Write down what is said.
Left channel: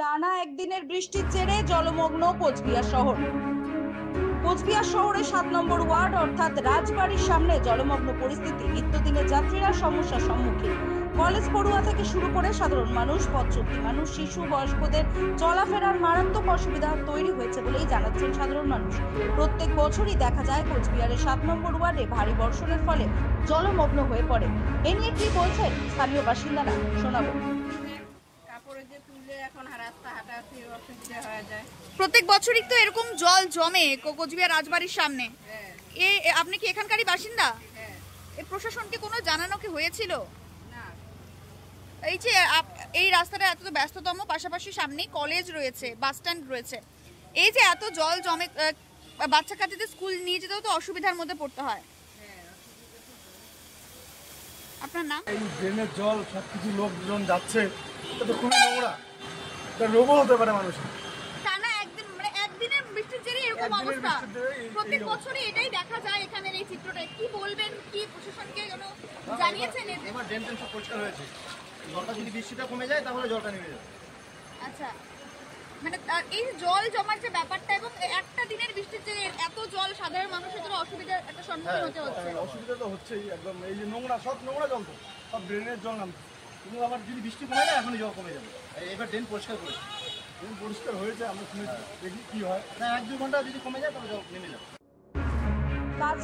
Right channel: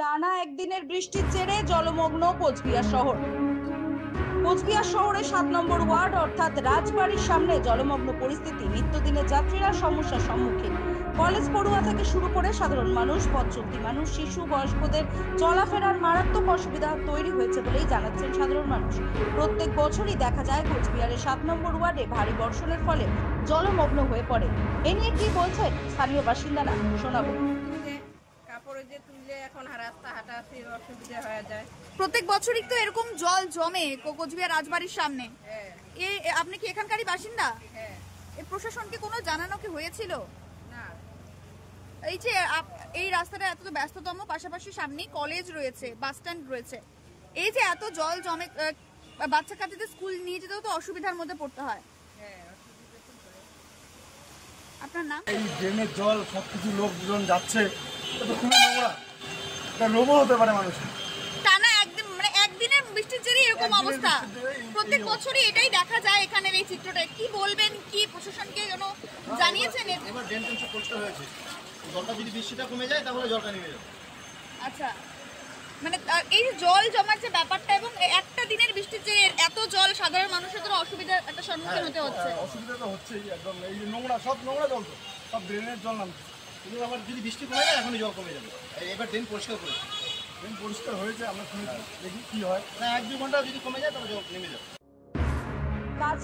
টানা একদিনের বৃষ্টির জেরে জলমগ্ন কোচবিহার শহর। কোচবিহার শহরের 7 নম্বর ওয়ার্ড অর্থাৎ রাজবাড়ির সামনে জলমগ্ন পরিস্থিতি। নিত্যদিনের যাত্রীরা সমস্যার সম্মুখীন। কলেজ পড়ুয়া থেকে শুরু করে সাধারণ মানুষ, পথ চলতি মানুষ, শিশু, বয়স্কদের চলাফেরার মারাত্মক অসুবিধা তৈরি হয়েছে বলেই জানাচ্ছেন সাধারণ মানুষ। প্রত্যেক বছরই দেখা যায় কোচবিহারের 7 নম্বর ওয়ার্ডে ভারী বর্ষণের ফলে জলমগ্ন হয়ে পড়ে। এ নিয়ে কি বলছেন স্থানীয় বাসিন্দারা, শোনাবো। কাপড়ে যে তুললে এখন রাস্তা হাঁটাহাঁটি অসুবিধা হয়ে যায়। প্রত্যেক বছরই তো এরকম জল জমে কোচবিহার রাজবাড়ির সামনে। হ্যাঁ আপনি কি এখানকারই বাসিন্দা? হ্যাঁ। এই প্রশাসনকে কোনো জানানো কি হয়েছিল? না, এই যে এই রাস্তাটা এত ব্যস্ততম, পাশাপাশি সামনেই কলেজ রয়েছে, বাস স্ট্যান্ড রয়েছে, এই যে এত জল জমে, বাচ্চা কাচ্চাদের স্কুল নিয়ে যেতেও তো অসুবিধার মধ্যে পড়তে হয়। হ্যাঁ অসুবিধা তো হয়। আপনার নাম? এই ড্রেনের জল সবকিছু লোকজন যাচ্ছে, এটা তো খুবই নোংরা, এটা রোগও হতে পারে মানুষের। টানা একদিন মানে একদিনের বৃষ্টির জেরে এরকম একদিনের অবস্থা। বৃষ্টির জেরেই এই প্রত্যেক অবস্থা। বছরই এটাই দেখা যায় এখানের এই চিত্রটা। কি বলবেন, কি প্রশাসনকে কোনো জানিয়েছেন? এবার ড্রেন সব পরিষ্কার হয়েছে। জলটা যদি বৃষ্টিটা কমে যায় তাহলে জলটা নেমে যাবে। আচ্ছা, মানে এই যে জল জমার যে ব্যাপারটা এবং একটা দিনের বৃষ্টির যে এত জল, সাধারণ মানুষের তো অসুবিধার একটা সম্মুখীন হতে হচ্ছে। অসুবিধা তো হচ্ছেই, একদম এই যে নোংরা, সব নোংরা জল, তো সব ড্রেনের জল নামছে। কিন্তু আবার যদি বৃষ্টি কমে যায় এখনই জল কমে যাবে। এবার ড্রেন পরিষ্কার করেছে। ড্রেন পরিষ্কার হয়েছে, আমরা শুনেছি, দেখি কি হয়। না, 1-2 ঘন্টা যদি কমে যায় তাহলে জল নেমে যাবে। কাজ